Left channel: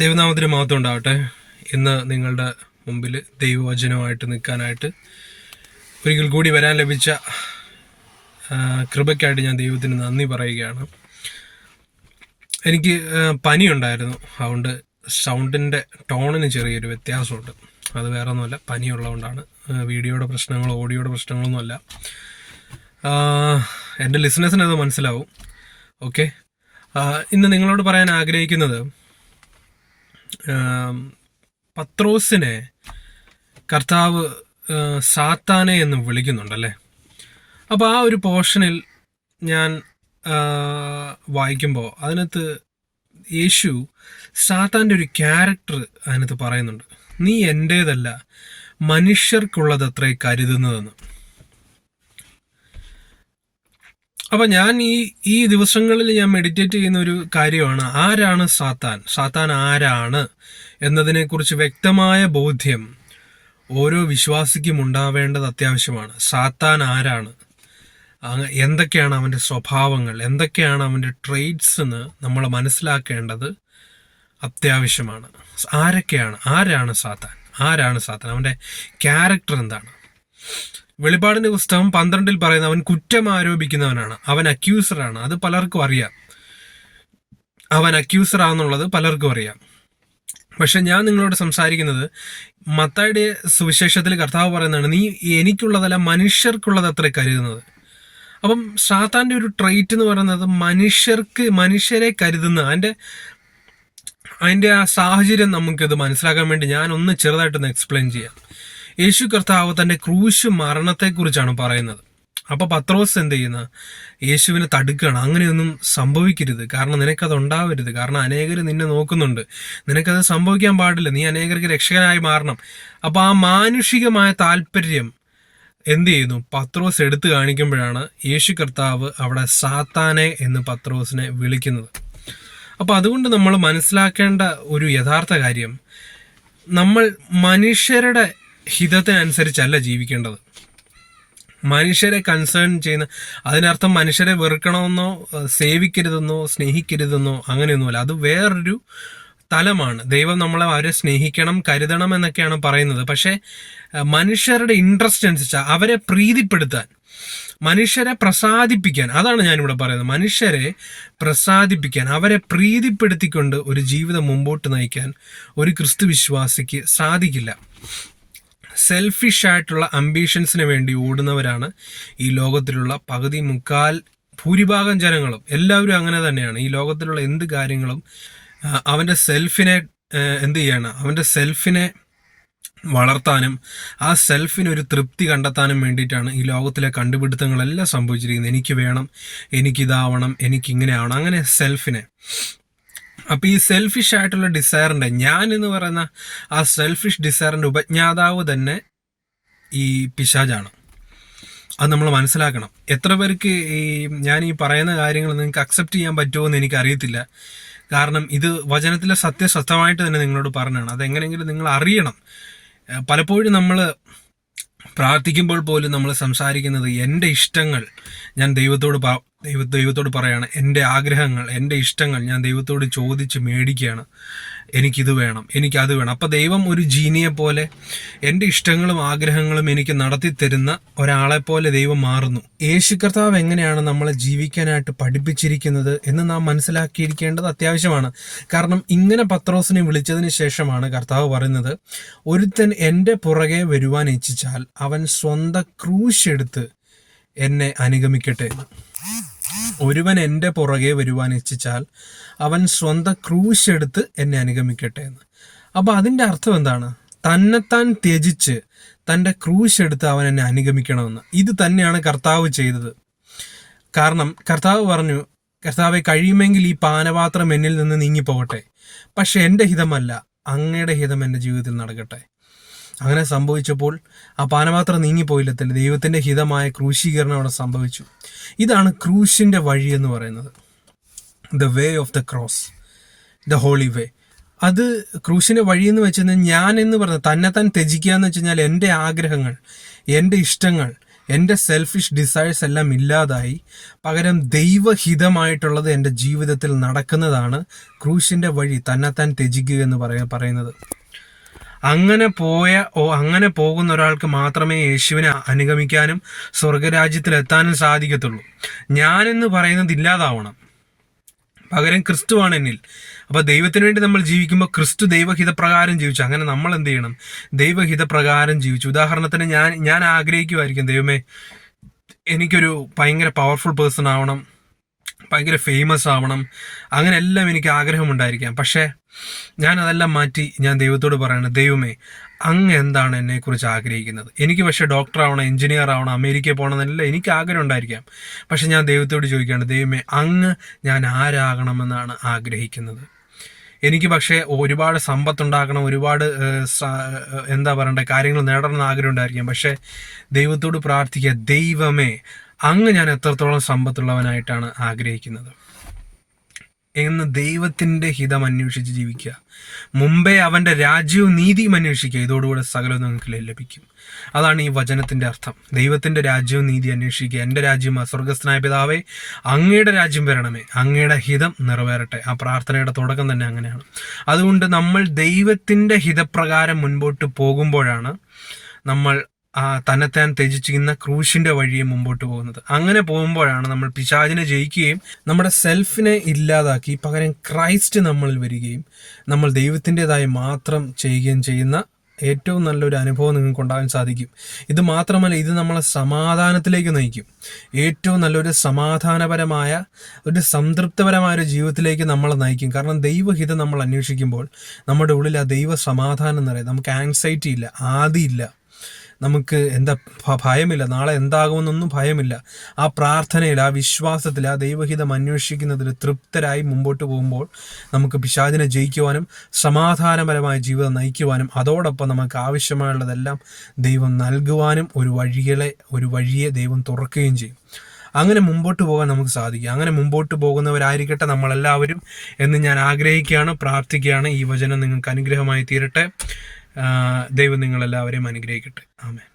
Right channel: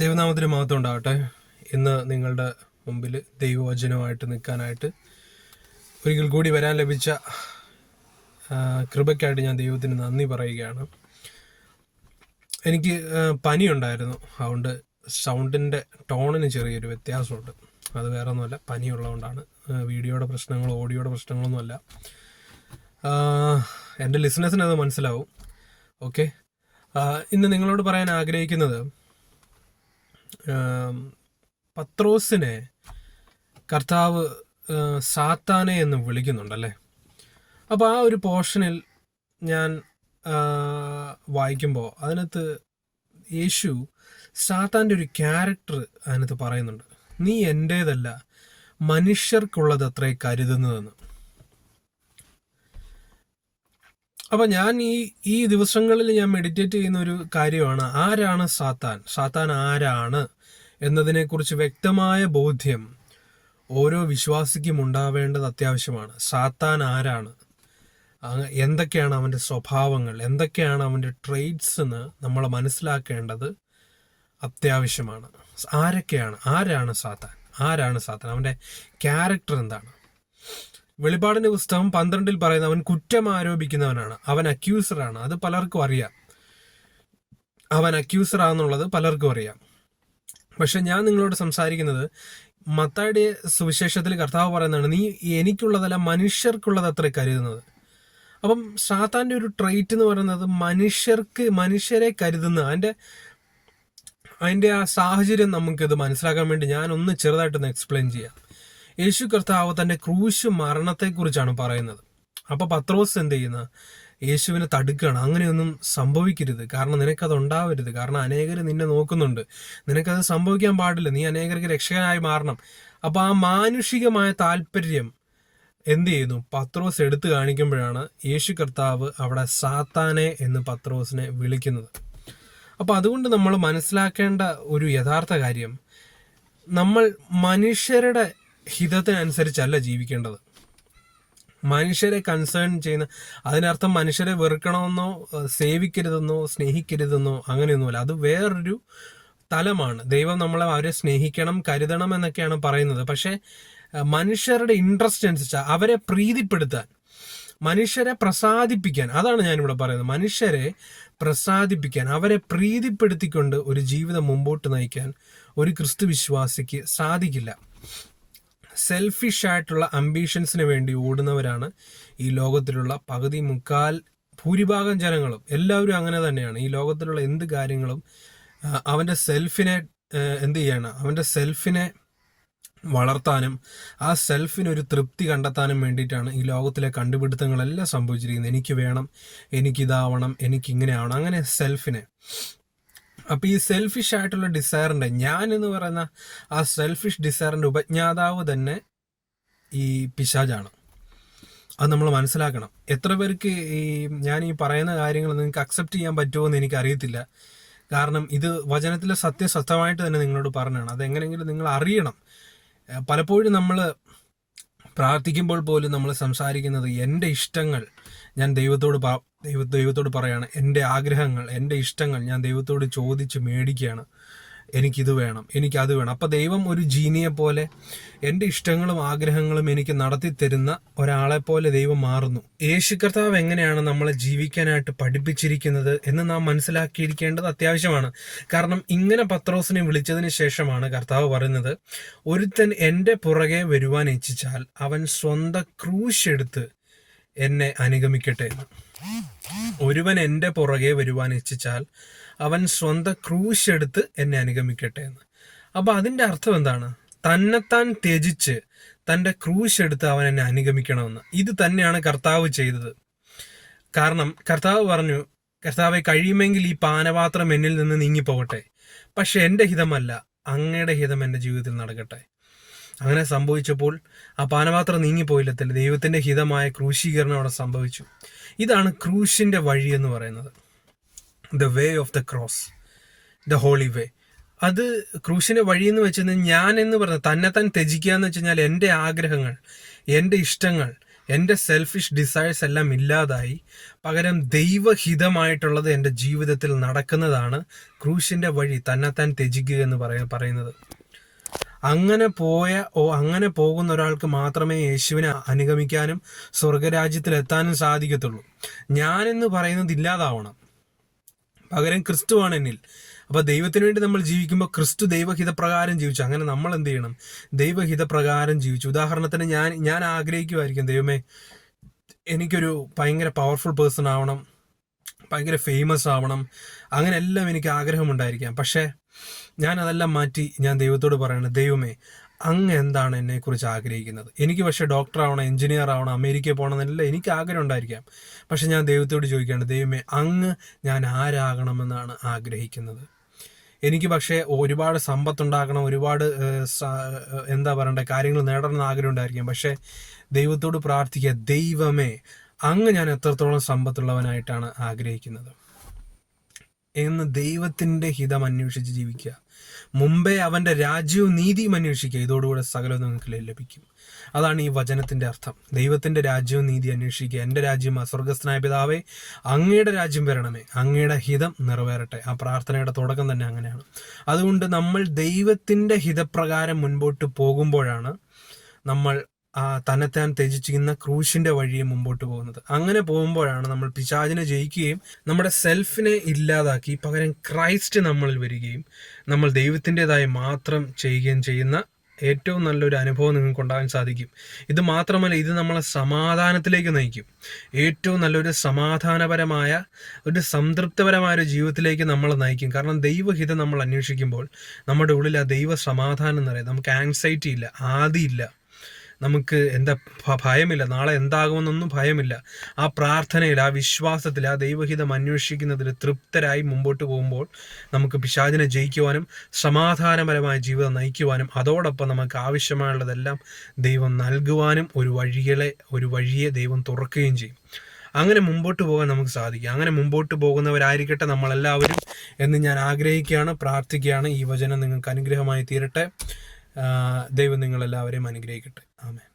ദൈവനാമത്തിന് മഹത്വം ഉണ്ടാവട്ടെ. ഇന്ന് നിങ്ങളുടെ മുമ്പിൽ ദൈവവചനമായിട്ട് നിൽക്കാനായിട്ട് ഒരിക്കൽ കൂടി വരാൻ ലഭിച്ച കൃപയ്ക്കായിട്ട് ഞാൻ ദൈവത്തിന് നന്ദി പറയുകയാണ്. എനിക്ക് പനിയുണ്ടായിരുന്നു, അതുകൊണ്ട് സൗണ്ടിൻ്റെ ടോണിന് ചെറിയൊരു വ്യത്യാസമുണ്ട്. അത് വേറെ ഒന്നുമല്ല, പനിയുള്ളതുകൊണ്ടാണ്. വീഡിയോയുടെ പ്രശ്നങ്ങളോ ഓഡിയോയുടെ പ്രശ്നങ്ങളൊന്നുമല്ല. എൻ്റെ ലിസണേഴ്സിന് അത് മനസ്സിലാവും. ഓക്കെ, ഇന്ന് നിങ്ങളോട് പറയാൻ ആഗ്രഹിക്കുന്നത്, പത്രോസിനെ കർത്താവ് സാത്താനെ എന്ന് വിളിക്കുന്നുണ്ടല്ലേ. അപ്പോൾ ആ ഒരു പോർഷനിൽ ഞാൻ വായിക്കുമ്പോൾ അതിനകത്ത് യേശു സാത്താൻ്റെ ഒരു ക്യാരക്ടർ അതിനകത്ത് പറയുന്നുണ്ട്. നീ എൻ്റേതല്ല, മനുഷ്യർക്കുള്ളതത്രേ കരുതുന്നതെന്ന്. അപ്പം ഞാൻ ഈ ദിവസങ്ങളിൽ ഞാൻ മെഡിറ്റേറ്റ് ചെയ്യുന്ന ഒരു കാര്യമാണ്, ആരാണ് സാത്താൻ, സാത്താൻ ആരാണ് എന്നതിനെക്കുറിച്ച് വ്യക്തമായ ബോധ്യം ഓരോ വിശ്വാസിക്കും ഉണ്ടാവേണ്ടത് അത്യാവശ്യമാണ്. സാത്താൻ ആരാണ്, എന്തൊക്കെയാണ് അവൻ്റെ സ്വഭാവങ്ങൾ, എന്തൊക്കെയാണ് അവൻ്റെ ട്രെയ്റ്റ്സ് എന്ന് നമ്മൾ മനസ്സിലാക്കേണ്ടത് അത്യാവശ്യമാണ്. ആരാണ് സാത്താൻ, അവൻ്റെ ക്യാരക്ടർ എന്താണ്. വെളിപ്പാടിന്റെ പുസ്തകം 12 പറയുന്ന അവൻ കുറ്റം ആരോപിക്കുന്നവനാണ്, അവൻ അക്യൂസറാണ്. അത് പലർക്കും അറിയാം, അവൻ അക്യൂസറാന്നുള്ളത് പലർക്കും അറിയാം. പക്ഷെ ഞാൻ നിങ്ങളോട് സംസാരിക്കുന്നത് മത്തായിയുടെ സുവിശേഷത്തിൽ കർത്താവ് പറയുന്നതാണ്, നീ എനിക്കുള്ളതല്ല മനുഷ്യർക്കുള്ളത് അത്ര കരുതുന്നത്. അപ്പം സാത്താൻ്റെ ഒരു ട്രെയ്റ്റ് എന്ന് പറയുന്നത് മനുഷ്യരെ കരുതുന്ന അതിൻ്റെ ആ സാഹചര്യം നമുക്കിത് മനസ്സിലാക്കാൻ വേണ്ടി ഞാൻ ഒന്ന് ചെറുതായിട്ടൊന്ന് എക്സ്പ്ലെയിൻ ചെയ്യാം. യേശു കർത്താവ് തൻ്റെ ക്രൂശ് മരണത്തെക്കുറിച്ചാണ് പറയുന്നത്. അപ്പോൾ പത്രോസ് എന്ത് ചെയ്യുന്ന, യേശുവിനെ തടുക്കുകയാണ്. അങ്ങനെയൊന്നും സംഭവിക്കരുത്, കാരണം നിനക്കത് ഉണ്ടാവരുത്, കാരണം അനേകർ നിന്നെ നോക്കുന്നുണ്ട്, നിനക്കത് സംഭവിക്കാൻ പാടില്ല, നീ അനേകർക്ക് രക്ഷകനായി മാറണം. അപ്പോൾ ആ മാനുഷികമായ താല്പര്യം എന്ത് ചെയ്യുന്നു, പത്രോസ് എടുത്തു കാണിക്കുമ്പോഴാണ് യേശു കർത്താവ് അവിടെ സാത്താനെ എന്ന് പത്രോസിനെ വിളിക്കുന്നത്. അപ്പോൾ അതുകൊണ്ട് നമ്മൾ മനസ്സിലാക്കേണ്ട ഒരു യഥാർത്ഥ കാര്യം, നമ്മൾ മനുഷ്യരുടെ ഹിതത്തിനനുസരിച്ചല്ല ജീവിക്കേണ്ടത്. മനുഷ്യരെ കൺസേൺ ചെയ്യുന്ന, അതിനർത്ഥം മനുഷ്യരെ വെറുക്കണമെന്നോ സേവിക്കരുതെന്നോ സ്നേഹിക്കരുതെന്നോ അങ്ങനെയൊന്നുമല്ല. അത് വേറൊരു തലമാണ്. ദൈവം നമ്മളെ അവരെ സ്നേഹിക്കണം, കരുതണം എന്നൊക്കെയാണ് പറയുന്നത്. പക്ഷേ മനുഷ്യരുടെ ഇൻട്രസ്റ്റ് അനുസരിച്ച് അവരെ പ്രീതിപ്പെടുത്താൻ, മനുഷ്യരെ പ്രസാദിപ്പിക്കാൻ, അതാണ് ഞാനിവിടെ പറയുന്നത്. മനുഷ്യരെ പ്രസാദിപ്പിക്കാൻ, അവരെ പ്രീതിപ്പെടുത്തിക്കൊണ്ട് ഒരു ജീവിതം മുമ്പോട്ട് നയിക്കാൻ ഒരു ക്രിസ്തു വിശ്വാസിക്ക് സാധിക്കില്ല. സെൽഫിഷ് ആയിട്ടുള്ള അംബീഷൻസിന് വേണ്ടി ഓടുന്നവരാണ് ഈ ലോകത്തിലുള്ള ഭൂരിഭാഗം ജനങ്ങളും. എല്ലാവരും അങ്ങനെ തന്നെയാണ്. ഈ ലോകത്തിലുള്ള എന്ത് കാര്യങ്ങളും അവൻ്റെ സെൽഫിനെ വളർത്താനും ആ സെൽഫിനൊരു തൃപ്തി കണ്ടെത്താനും വേണ്ടിയിട്ടാണ് ഈ ലോകത്തിലെ കണ്ടുപിടുത്തങ്ങളെല്ലാം സംഭവിച്ചിരിക്കുന്നത്. എനിക്ക് വേണം, എനിക്കിതാവണം, എനിക്കിങ്ങനെ ആവണം, അങ്ങനെ സെൽഫിനെ. അപ്പോൾ ഈ സെൽഫിഷ് ആയിട്ടുള്ള ഡിസയറിൻ്റെ, ഞാൻ എന്ന് പറയുന്ന ആ സെൽഫിഷ് ഡിസയറിൻ്റെ ഉപജ്ഞാതാവ് തന്നെ ഈ പിശാചാണ്. അത് നമ്മൾ മനസ്സിലാക്കണം. എത്ര പേർക്ക് ഞാൻ ഈ പറയുന്ന കാര്യങ്ങൾ നിങ്ങൾക്ക് അക്സെപ്റ്റ് ചെയ്യാൻ പറ്റുമോ എന്ന് എനിക്കറിയത്തില്ല. കാരണം ഇത് വചനത്തിലെ സത്യസത്യമായിട്ട് തന്നെ നിങ്ങളോട് പറഞ്ഞാണ്. അതെങ്ങനെയെങ്കിലും നിങ്ങൾ അറിയണം. പലപ്പോഴും നമ്മൾ പ്രാർത്ഥിക്കുമ്പോൾ പോലും നമ്മൾ സംസാരിക്കുന്നത് എൻ്റെ ഇഷ്ടങ്ങൾ ഞാൻ ദൈവത്തോട് പറയാണ്, എൻ്റെ ആഗ്രഹങ്ങൾ, എൻ്റെ ഇഷ്ടങ്ങൾ ഞാൻ ദൈവത്തോട് ചോദിച്ച് മേടിക്കുകയാണ്. എനിക്കിത് വേണം, എനിക്കത് വേണം. അപ്പോൾ ദൈവം ഒരു ജീനിയെ പോലെ എൻ്റെ ഇഷ്ടങ്ങളും ആഗ്രഹങ്ങളും എനിക്ക് നടത്തി തരുന്ന ഒരാളെ പോലെ ദൈവം മാറുന്നു. യേശു കർത്താവ് എങ്ങനെയാണ് നമ്മളെ ജീവിക്കാനായിട്ട് പഠിപ്പിച്ചിരിക്കുന്നത് എന്ന് നാം മനസ്സിലാക്കിയിരിക്കേണ്ടത് അത്യാവശ്യമാണ്. കാരണം ഇങ്ങനെ പത്രോസിനെ വിളിച്ചതിന് ശേഷമാണ് കർത്താവ് പറയുന്നത്, ഒരുത്തൻ എൻ്റെ പുറകെ വരുവാൻ ഇച്ഛിച്ചാൽ അവൻ സ്വന്തം ക്രൂശ് എടുത്ത് എന്നെ അനുഗമിക്കട്ടെ എന്ന്. ഒരുവൻ എൻ്റെ പുറകെ വരുവാൻ ഇച്ഛിച്ചാൽ അവൻ സ്വന്തം ക്രൂശ് എടുത്ത് എന്നെ അനുഗമിക്കട്ടെ എന്ന്. അപ്പോൾ അതിൻ്റെ അർത്ഥം എന്താണ്? തന്നെത്താൻ ത്യജിച്ച് തൻ്റെ ക്രൂശ് എടുത്ത് അവൻ എന്നെ അനുഗമിക്കണമെന്ന്. ഇത് തന്നെയാണ് കർത്താവ് ചെയ്തത്. കാരണം കർത്താവ് പറഞ്ഞു, കർത്താവെ കഴിയുമെങ്കിൽ ഈ പാനപാത്രം എന്നിൽ നിന്ന് നീങ്ങിപ്പോകട്ടെ, പക്ഷെ എൻ്റെ ഹിതമല്ല, അങ്ങയുടെ ഹിതം എൻ്റെ ജീവിതത്തിൽ നടക്കട്ടെ. അങ്ങനെ സംഭവിച്ചപ്പോൾ ആ പാനപാത്രം നീങ്ങിപ്പോയില്ലത്തില്ല, ദൈവത്തിൻ്റെ ഹിതമായ ക്രൂശീകരണം അവിടെ സംഭവിച്ചു. ഇതാണ് ക്രൂശിൻ്റെ വഴി എന്ന് പറയുന്നത്. The way of the cross, the holy way. അത് ക്രൂശിൻ്റെ വഴി എന്ന് വെച്ച് കഴിഞ്ഞാൽ, ഞാൻ എന്ന് പറഞ്ഞാൽ തന്നെത്താൻ ത്യജിക്കുക എന്ന് വെച്ച് കഴിഞ്ഞാൽ എൻ്റെ ആഗ്രഹങ്ങൾ, എൻ്റെ ഇഷ്ടങ്ങൾ, എൻ്റെ സെൽഫിഷ് ഡിസയേഴ്സ് എല്ലാം ഇല്ലാതായി, പകരം ദൈവഹിതമായിട്ടുള്ളത് എൻ്റെ ജീവിതത്തിൽ നടക്കുന്നതാണ് ക്രൂശിൻ്റെ വഴി, തന്നെത്താൻ ത്യജിക്കുക എന്ന് പറയുന്നത്. അങ്ങനെ പോകുന്ന ഒരാൾക്ക് മാത്രമേ യേശുവിനെ അനുഗമിക്കാനും സ്വർഗരാജ്യത്തിലെത്താനും സാധിക്കത്തുള്ളൂ. ഞാനെന്ന് പറയുന്നത് ഇല്ലാതാവണം, പകരം ക്രിസ്തുവാണ് എന്നിൽ. അപ്പോൾ ദൈവത്തിന് വേണ്ടി നമ്മൾ ജീവിക്കുമ്പോൾ ക്രിസ്തു ദൈവഹിതപ്രകാരം ജീവിച്ചു. അങ്ങനെ നമ്മൾ എന്ത് ചെയ്യണം? ദൈവഹിതപ്രകാരം ജീവിച്ചു. ഉദാഹരണത്തിന് ഞാൻ ആഗ്രഹിക്കുമായിരിക്കും, ദൈവമേ എനിക്കൊരു ഭയങ്കര പവർഫുൾ പേഴ്സൺ ആവണം, ഭയങ്കര ഫേമസ് ആവണം, അങ്ങനെ എല്ലാം എനിക്ക് ആഗ്രഹമുണ്ടായിരിക്കാം. പക്ഷേ ഞാൻ അതെല്ലാം മാറ്റി ഞാൻ ദൈവത്തോട് പറയണം, ദൈവമേ അങ്ങ് എന്താണ് എന്നെക്കുറിച്ച് ആഗ്രഹിക്കുന്നത്? എനിക്ക് പക്ഷേ ഡോക്ടർ ആവണം, എഞ്ചിനീയർ ആവണം, അമേരിക്കയിൽ പോകണം എന്നെല്ലാം എനിക്ക് ആഗ്രഹം ഉണ്ടായിരിക്കാം. പക്ഷെ ഞാൻ ദൈവത്തോട് ചോദിക്കുകയാണ്, ദൈവമേ അങ്ങ് ഞാൻ ആരാകണമെന്നാണ് ആഗ്രഹിക്കുന്നത്? എനിക്ക് പക്ഷേ ഒരുപാട് സമ്പത്തുണ്ടാക്കണം, ഒരുപാട് എന്താ പറയണ്ടേ കാര്യങ്ങൾ നേടണമെന്ന് ആഗ്രഹം ഉണ്ടായിരിക്കാം. പക്ഷേ ദൈവത്തോട് പ്രാർത്ഥിക്കുക, ദൈവമേ അങ്ങ് ഞാൻ എത്രത്തോളം സമ്പത്തുള്ളവനായിട്ടാണ് ആഗ്രഹിക്കുന്നത് എന്ന് ദൈവത്തിൻ്റെ ഹിതം അന്വേഷിച്ച് ജീവിക്കുക. മുമ്പേ അവൻ്റെ രാജ്യവും നീതിയും അന്വേഷിക്കുക, ഇതോടുകൂടെ സകലവും നിങ്ങൾക്ക് ലഭിക്കും. അതാണ് ഈ വചനത്തിൻ്റെ അർത്ഥം. ദൈവത്തിൻ്റെ രാജ്യവും നീതി അന്വേഷിക്കുക. എൻ്റെ രാജ്യം സ്വർഗസ്ഥനായ പിതാവേ അങ്ങയുടെ രാജ്യം വരണമേ, അങ്ങയുടെ ഹിതം നിറവേറട്ടെ. ആ പ്രാർത്ഥനയുടെ തുടക്കം തന്നെ അങ്ങനെയാണ്. അതുകൊണ്ട് നമ്മൾ ദൈവത്തിൻ്റെ ഹിതപ്രകാരം മുൻപോട്ട് പോകുമ്പോഴാണ് നമ്മൾ തന്നെത്താൻ ത്യജിച്ചിരിക്കുന്ന ക്രൂശിന്റെ വഴിയെ മുമ്പോട്ട് പോകുന്നത്. അങ്ങനെ പോകുമ്പോഴാണ് നമ്മൾ പിശാചിനെ ജയിക്കുകയും നമ്മുടെ സെൽഫിനെ ഇല്ലാതാക്കി പകരം ക്രൈസ്റ്റ് നമ്മളിൽ വരികയും നമ്മൾ ദൈവത്തിൻ്റെതായി മാത്രം ചെയ്യുകയും ചെയ്യുന്ന ഏറ്റവും നല്ലൊരു അനുഭവം നിങ്ങൾക്ക് ഉണ്ടാകാൻ സാധിക്കും. ഇത് മാത്രമല്ല, ഇത് നമ്മളെ സമാധാനത്തിലേക്ക് നയിക്കും. ഏറ്റവും നല്ലൊരു സമാധാനപരമായ ഒരു സംതൃപ്തപരമായ ഒരു ജീവിതത്തിലേക്ക് നമ്മളെ നയിക്കും. കാരണം ദൈവഹിതം നമ്മൾ അന്വേഷിക്കുമ്പോൾ നമ്മുടെ ഉള്ളിൽ ആ ദൈവ സമാധാനം എന്ന് പറയും. നമുക്ക് ആങ്സൈറ്റി ഇല്ല, ആദിയില്ല, നമുക്ക് ഭയമില്ല, നാളെ എന്താകുമെന്നൊന്നും ഭയമില്ല. ആ പ്രാർത്ഥനയിൽ, ആ വിശ്വാസത്തിൽ, ആ ദൈവഹിതം അന്വേഷിക്കുന്നതിൽ തൃപ്തരായി മുമ്പോട്ട് പോകുമ്പോൾ നമുക്ക് പിശാചിനെ ജയിക്കുവാനും സമാധാനപരമായ ജീവിതം നയിക്കുവാനും അതോടൊപ്പം നമുക്ക് ആവശ്യമായുള്ളതെല്ലാം ദൈവം നൽകുവാനും ഒരു വഴിയെ ദൈവം തുറക്കുകയും ചെയ്യും. അങ്ങനെ മുമ്പോട്ട് പോകാൻ നമുക്ക് സാധിക്കും. അങ്ങനെ മുമ്പോട്ട് പോകുന്നവരായിരിക്കട്ടെ നമ്മളെല്ലാവരും എന്ന് ഞാൻ ആഗ്രഹിക്കുകയാണ്, പ്രാർത്ഥിക്കുകയാണ്. ഈ വചനം നിങ്ങൾക്ക് അനുഗ്രഹമായി തീരട്ടെ. ദൈവം നിങ്ങളെല്ലാവരെയും അനുഗ്രഹിക്കട്ടെ. ആമേൻ.